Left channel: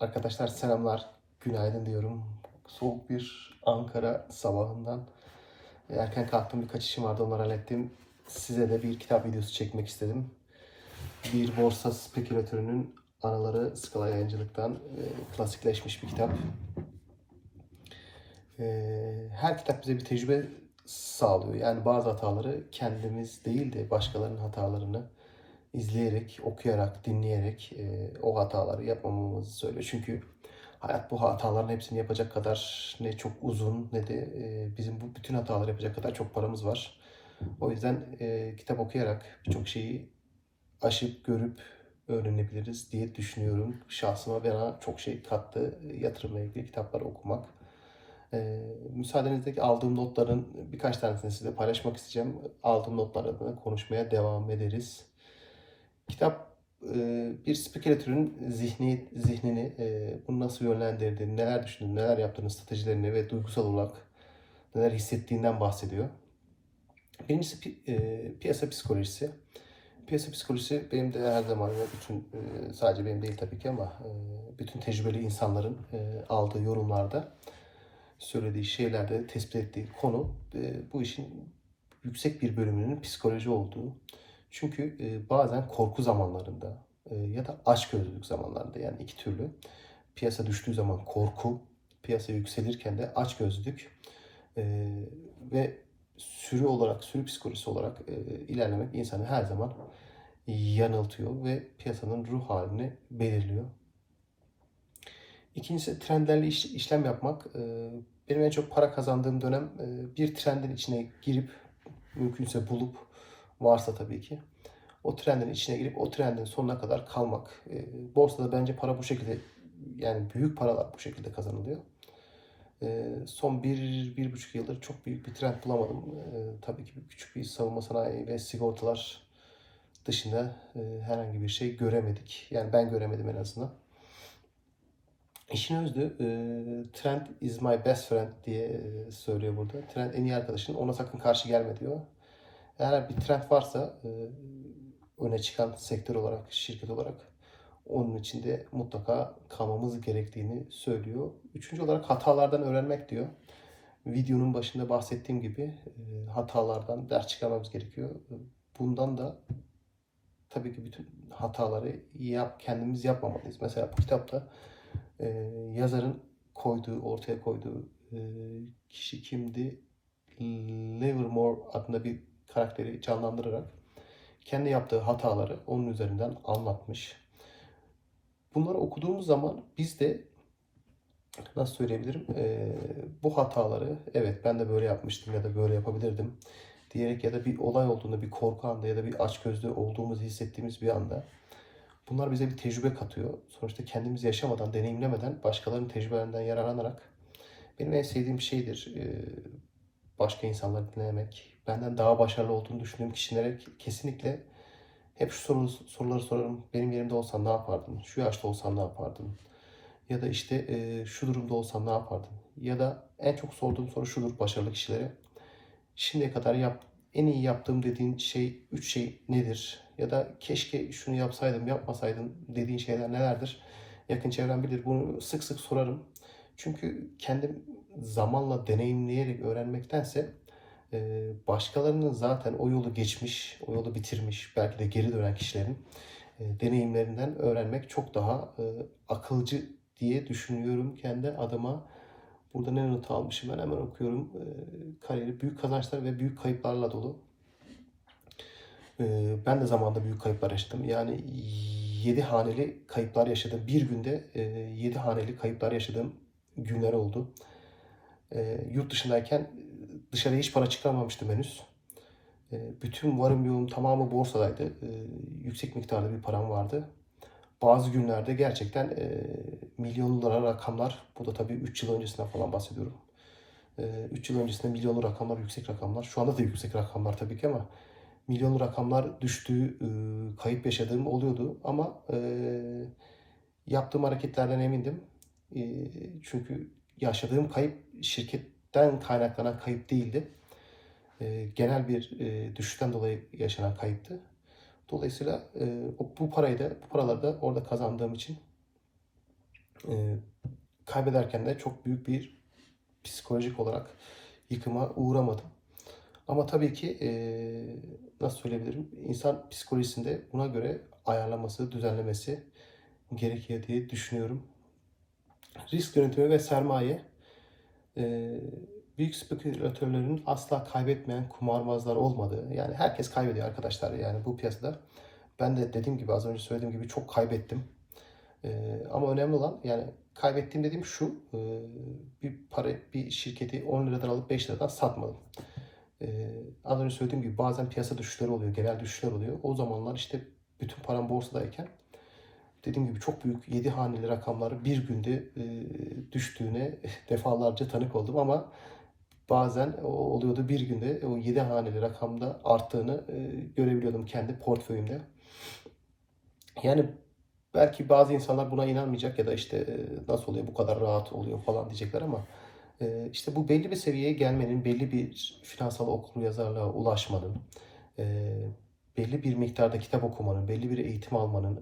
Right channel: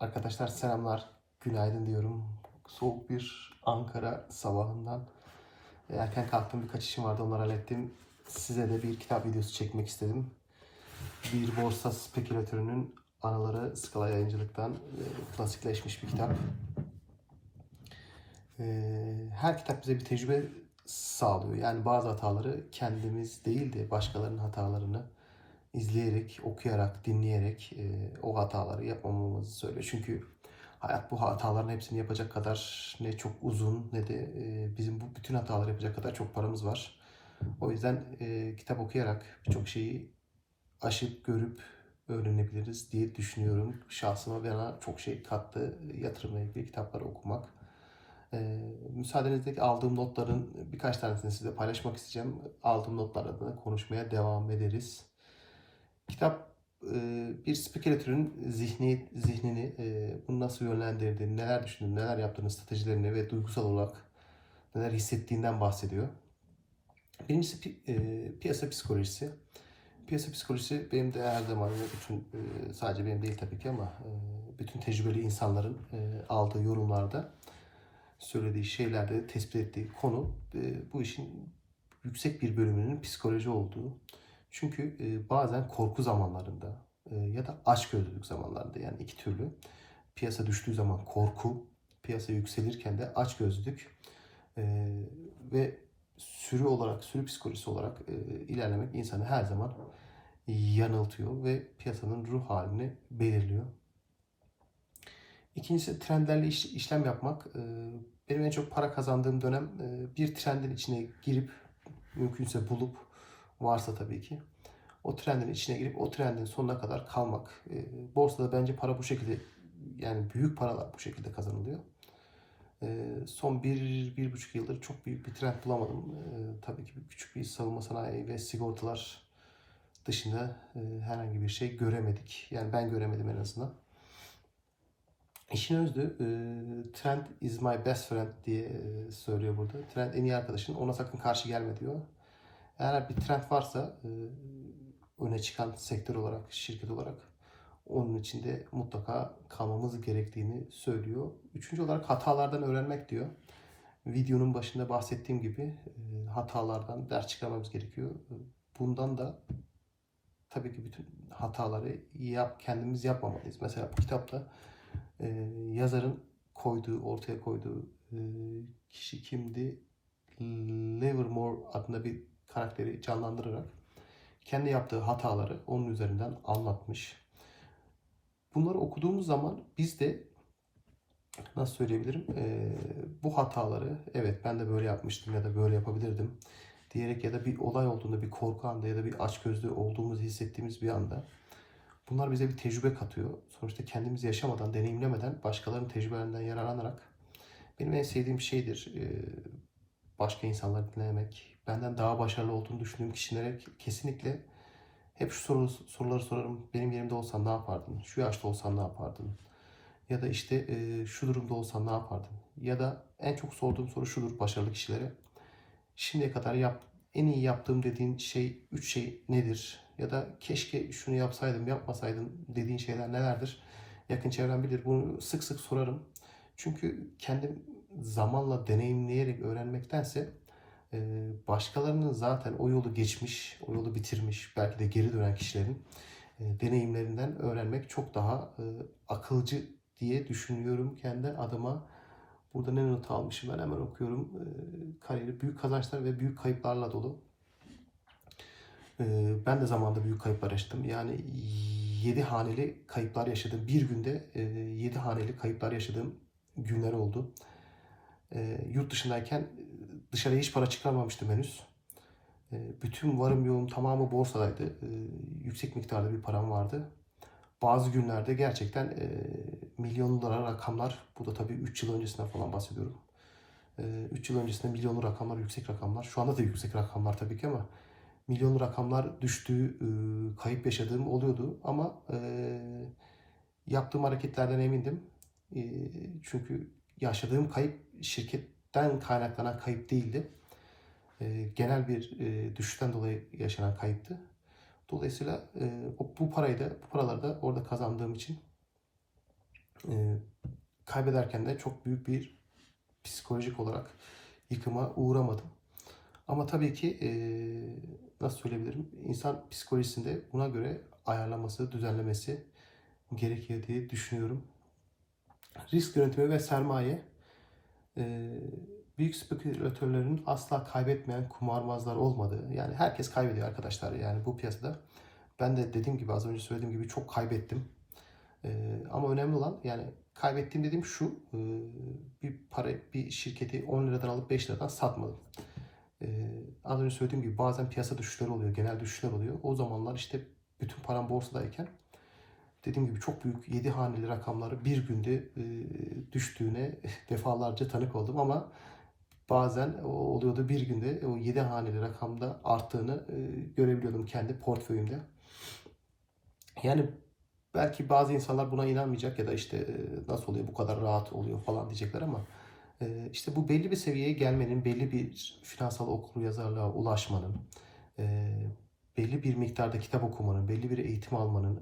Arkadaşlar selamlar, günaydın diyorum. Soğuk bir Ankara sabahından erken kalktım birkaç işim vardı onları hallettim. Size de bir kitap videosu çekmek istedim. Bir borsa spekülatörünün anaları Skala Yayıncılık'tan e, klasikleşmiş bir kitap. E, her kitap bize bir tecrübe sağlıyor. Yani bazı hataları kendimiz değil de başkalarının hatalarını izleyerek, okuyarak, dinleyerek e, o hataları yapmamamızı söylüyor. Çünkü hayat bu hataların hepsini yapacak kadar ne çok uzun ne de e, bizim bu bütün hataları yapacak kadar çok paramız var. O yüzden e, kitap okuyarak birçok şeyi aşıp görüp öğrenebiliriz diye düşünüyorum. Şahsıma bana çok şey kattı yatırımla ilgili kitapları okumak. E, müsaadenizle aldığım notların birkaç tanesini size paylaşmak isteyeceğim. Aldığım notlar adına konuşmaya devam ederiz. Kitap e, bir spekülatörün zihni, zihnini e, bunu nasıl yönlendirdiğini, neler düşündüğünü, neler yaptığını, stratejilerini ve duygusal olarak neler hissettiğinden bahsediyor. Birincisi e, piyasa psikolojisi. Piyasa psikolojisi benim de her zaman ve bütün sadece benim değil tabii ki ama bütün tecrübeli insanların aldığı yorumlarda söylediği şeylerde tespit ettiği konu bu işin yüksek bir bölümünün psikoloji olduğu. Çünkü e, bazen korku zamanlarında e, ya da açgözlülük zamanlarında yani iki türlü piyasa düştüğü zaman korku, piyasa yükselirken de açgözlülük e, ve sürü olarak, sürü psikolojisi olarak ilerlemek insanı her zaman yanıltıyor ve piyasanın ruh halini belirliyor. İkincisi trendlerle iş- işlem yapmak. Benim en çok para kazandığım dönem bir trendin içine girip mümkünse bulup varsa tabii ki o trendin içine girip o trendin sonuna kadar kalmak. E, borsada bence para bu şekilde yani büyük paralar bu şekilde kazanılıyor. E, son bir, bir buçuk yıldır çok büyük bir trend bulamadım. E, tabii ki küçük bir savunma sanayi ve sigortalar dışında e, herhangi bir şey göremedik. Yani ben göremedim en azından. İşin özü e, trend is my best friend diye e, söylüyor burada. Trend en iyi arkadaşın ona sakın karşı gelme diyor. Eğer bir trend varsa e, öne çıkan sektör olarak, şirket olarak onun içinde mutlaka kalmamız gerektiğini söylüyor. Üçüncü olarak hatalardan öğrenmek diyor. Videonun başında bahsettiğim gibi e, hatalardan ders çıkarmamız gerekiyor. Bundan da tabii ki bütün hataları yap, kendimiz yapmamalıyız. Mesela bu kitapta e, yazarın koyduğu, ortaya koyduğu kişi kimdi? Livermore adında bir karakteri canlandırarak kendi yaptığı hataları onun üzerinden anlatmış. Bunları okuduğumuz zaman biz de nasıl söyleyebilirim? Ee, bu hataları evet ben de böyle yapmıştım ya da böyle yapabilirdim diyerek ya da bir olay olduğunda bir korku anda ya da bir açgözlü olduğumuzu hissettiğimiz bir anda bunlar bize bir tecrübe katıyor. Sonuçta kendimiz yaşamadan, deneyimlemeden başkalarının tecrübelerinden yararlanarak benim en sevdiğim şeydir başka insanları dinlemek. Benden daha başarılı olduğunu düşündüğüm kişilere kesinlikle hep şu soru, soruları sorarım. Benim yerimde olsan ne yapardın? Şu yaşta olsan ne yapardın? Ya da işte e, şu durumda olsan ne yapardın? Ya da en çok sorduğum soru şudur başarılı kişilere. Şimdiye kadar yap, en iyi yaptığım dediğin şey, üç şey nedir? Ya da keşke şunu yapsaydım, yapmasaydım dediğin şeyler nelerdir? Yakın çevrem bilir. Bunu sık sık sorarım. Çünkü kendim zamanla deneyimleyerek öğrenmektense başkalarının zaten o yolu geçmiş, o yolu bitirmiş, belki de geri dönen kişilerin deneyimlerinden öğrenmek çok daha akılcı diye düşünüyorum kendi adıma. Burada ne not almışım ben hemen okuyorum. Kariyeri büyük kazançlar ve büyük kayıplarla dolu. Ben de zamanında büyük kayıplar yaşadım. Yani 7 haneli kayıplar yaşadım. Bir günde 7 haneli kayıplar yaşadığım günler oldu. E, yurt dışındayken dışarıya hiç para çıkarmamıştım henüz. E, bütün varım yoğum tamamı borsadaydı. E, yüksek miktarda bir param vardı. Bazı günlerde gerçekten e, milyonlara rakamlar, bu da tabii 3 yıl öncesinden falan bahsediyorum. 3 yıl öncesinde milyonlu rakamlar, yüksek rakamlar. Şu anda da yüksek rakamlar tabii ki ama milyonlu rakamlar düştüğü, e, kayıp yaşadığım oluyordu. Ama e, yaptığım hareketlerden emindim. E, çünkü yaşadığım kayıp şirketten kaynaklanan kayıp değildi. E, genel bir e, düşüşten dolayı yaşanan kayıptı. Dolayısıyla e, bu parayı da, bu paraları da orada kazandığım için e, kaybederken de çok büyük bir psikolojik olarak yıkıma uğramadım. Ama tabii ki e, nasıl söyleyebilirim? İnsan psikolojisinde buna göre ayarlaması, düzenlemesi gerekiyor diye düşünüyorum. Risk yönetimi ve sermaye e, büyük spekülatörlerin asla kaybetmeyen kumarbazlar olmadığı. Yani herkes kaybediyor arkadaşlar yani bu piyasada. Ben de dediğim gibi az önce söylediğim gibi çok kaybettim. E, ama önemli olan yani kaybettiğim dediğim şu e, bir para bir şirketi 10 liradan alıp 5 liradan satmadım. Ee, az önce söylediğim gibi bazen piyasa düşüşleri oluyor, genel düşüşler oluyor. O zamanlar işte bütün param borsadayken dediğim gibi çok büyük 7 haneli rakamları bir günde e, düştüğüne defalarca tanık oldum ama bazen oluyordu bir günde o 7 haneli rakamda arttığını e, görebiliyordum kendi portföyümde. Yani belki bazı insanlar buna inanmayacak ya da işte e, nasıl oluyor bu kadar rahat oluyor falan diyecekler ama işte bu belli bir seviyeye gelmenin, belli bir finansal okuryazarlığa ulaşmanın, e, belli bir miktarda kitap okumanın, belli bir eğitim almanın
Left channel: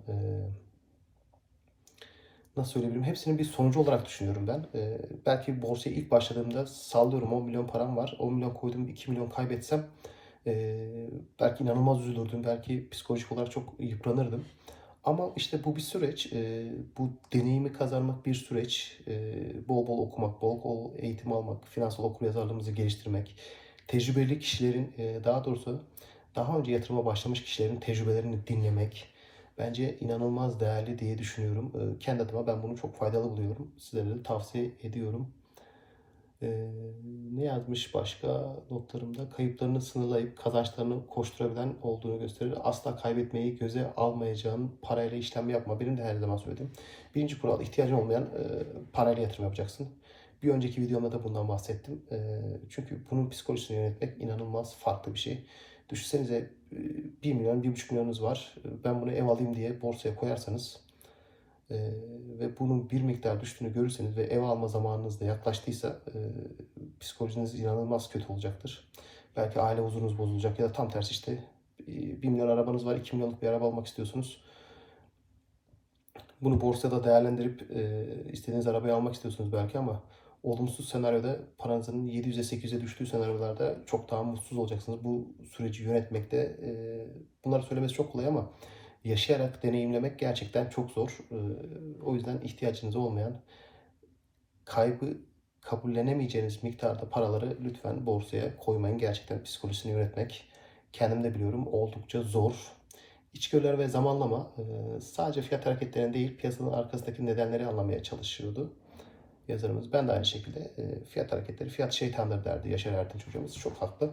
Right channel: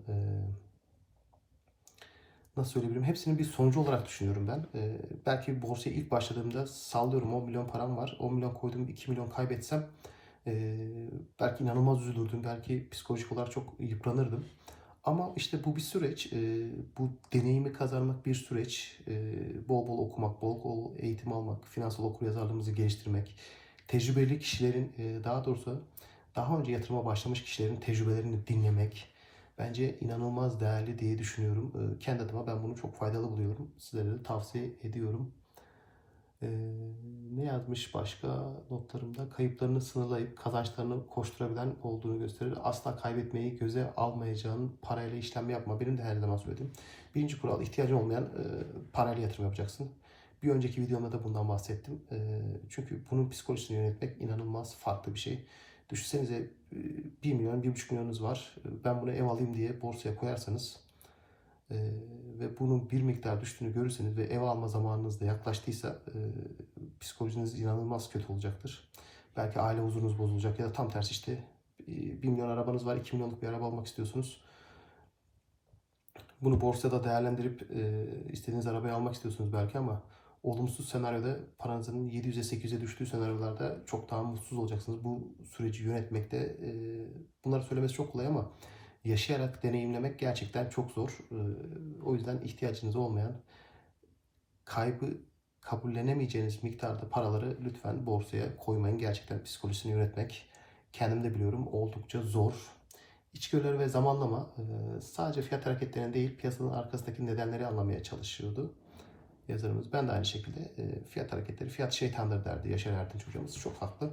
nasıl söyleyebilirim hepsinin bir sonucu olarak düşünüyorum ben. E, belki borsaya ilk başladığımda sallıyorum 10 milyon param var. 10 milyon koydum 2 milyon kaybetsem e, belki inanılmaz üzülürdüm. Belki psikolojik olarak çok yıpranırdım. Ama işte bu bir süreç. E, bu deneyimi kazanmak bir süreç. E, bol bol okumak, bol bol eğitim almak, finansal okuryazarlığımızı geliştirmek, tecrübeli kişilerin, e, daha doğrusu daha önce yatırıma başlamış kişilerin tecrübelerini dinlemek bence inanılmaz değerli diye düşünüyorum. E, kendi adıma ben bunu çok faydalı buluyorum. Sizlere de tavsiye ediyorum. Ee, ne yazmış başka notlarımda? Kayıplarını sınırlayıp kazançlarını koşturabilen olduğunu gösterir. Asla kaybetmeyi göze almayacağın parayla işlem yapma. Benim de her zaman söylediğim. Birinci kural ihtiyacın olmayan e, parayla yatırım yapacaksın. Bir önceki videomda da bundan bahsettim. E, çünkü bunun psikolojisini yönetmek inanılmaz farklı bir şey. Düşünsenize e, 1 milyon, 1,5 milyonunuz var. E, Ben bunu ev alayım diye borsaya koyarsanız e, ve bunun bir miktar düştüğünü görürseniz ve ev alma zamanınız da yaklaştıysa e, psikolojiniz inanılmaz kötü olacaktır. Belki aile huzurunuz bozulacak ya da tam tersi işte e, 1 milyon arabanız var, 2 milyonluk bir araba almak istiyorsunuz. Bunu borsada değerlendirip e, istediğiniz arabayı almak istiyorsunuz belki ama olumsuz senaryoda paranızın 700'e 800'e düştüğü senaryolarda çok daha mutsuz olacaksınız. Bu süreci yönetmekte e, bunları söylemesi çok kolay ama yaşayarak deneyimlemek gerçekten çok zor. Ee, O yüzden ihtiyacınız olmayan kaybı kabullenemeyeceğiniz miktarda paraları lütfen borsaya koymayın. Gerçekten psikolojisini yönetmek kendim de biliyorum oldukça zor. İçgörüler ve zamanlama e, sadece fiyat hareketlerine değil piyasanın arkasındaki nedenleri anlamaya çalışıyordu yazarımız. Ben de aynı şekilde e, fiyat hareketleri, fiyat şeytandır derdi Yaşar Erdinç hocamız. Çok haklı.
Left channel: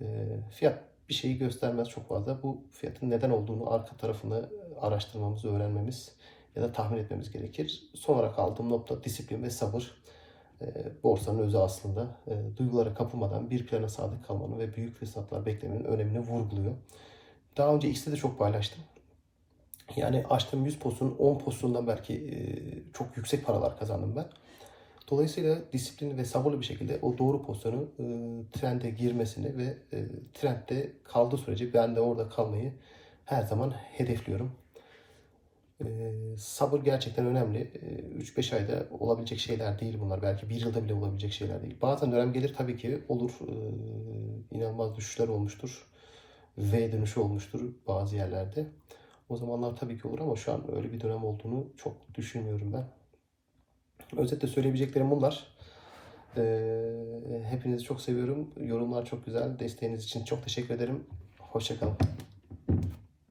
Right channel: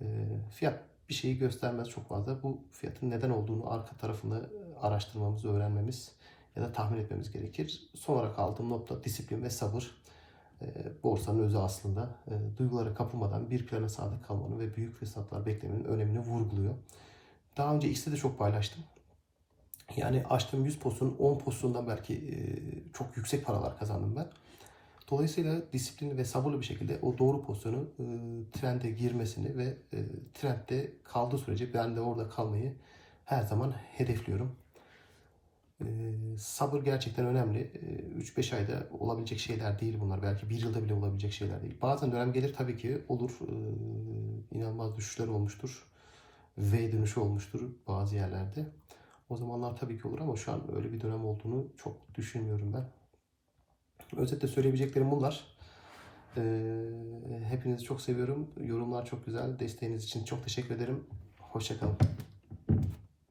E, Fiyat bir şeyi göstermez çok fazla. Bu fiyatın neden olduğunu, arka tarafını araştırmamız, öğrenmemiz ya da tahmin etmemiz gerekir. Son olarak aldığım nokta disiplin ve sabır. E, borsanın özü aslında e, duygulara kapılmadan bir plana sadık kalmanın ve büyük fırsatlar beklemenin önemini vurguluyor. Daha önce X'te de çok paylaştım. Yani açtığım 100 postun 10 postundan belki e, çok yüksek paralar kazandım ben. Dolayısıyla disiplinli ve sabırlı bir şekilde o doğru pozisyonu e, trende girmesini ve e, trendde kaldığı sürece ben de orada kalmayı her zaman hedefliyorum. E, sabır gerçekten önemli. E, 3-5 ayda olabilecek şeyler değil bunlar. Belki bir yılda bile olabilecek şeyler değil. Bazen dönem gelir tabii ki olur. E, inanılmaz düşüşler olmuştur. V dönüşü olmuştur bazı yerlerde. O zamanlar tabii ki olur ama şu an öyle bir dönem olduğunu çok düşünmüyorum ben. Özetle söyleyebileceklerim bunlar. Ee, hepinizi çok seviyorum. Yorumlar çok güzel. Desteğiniz için çok teşekkür ederim. Hoşçakalın.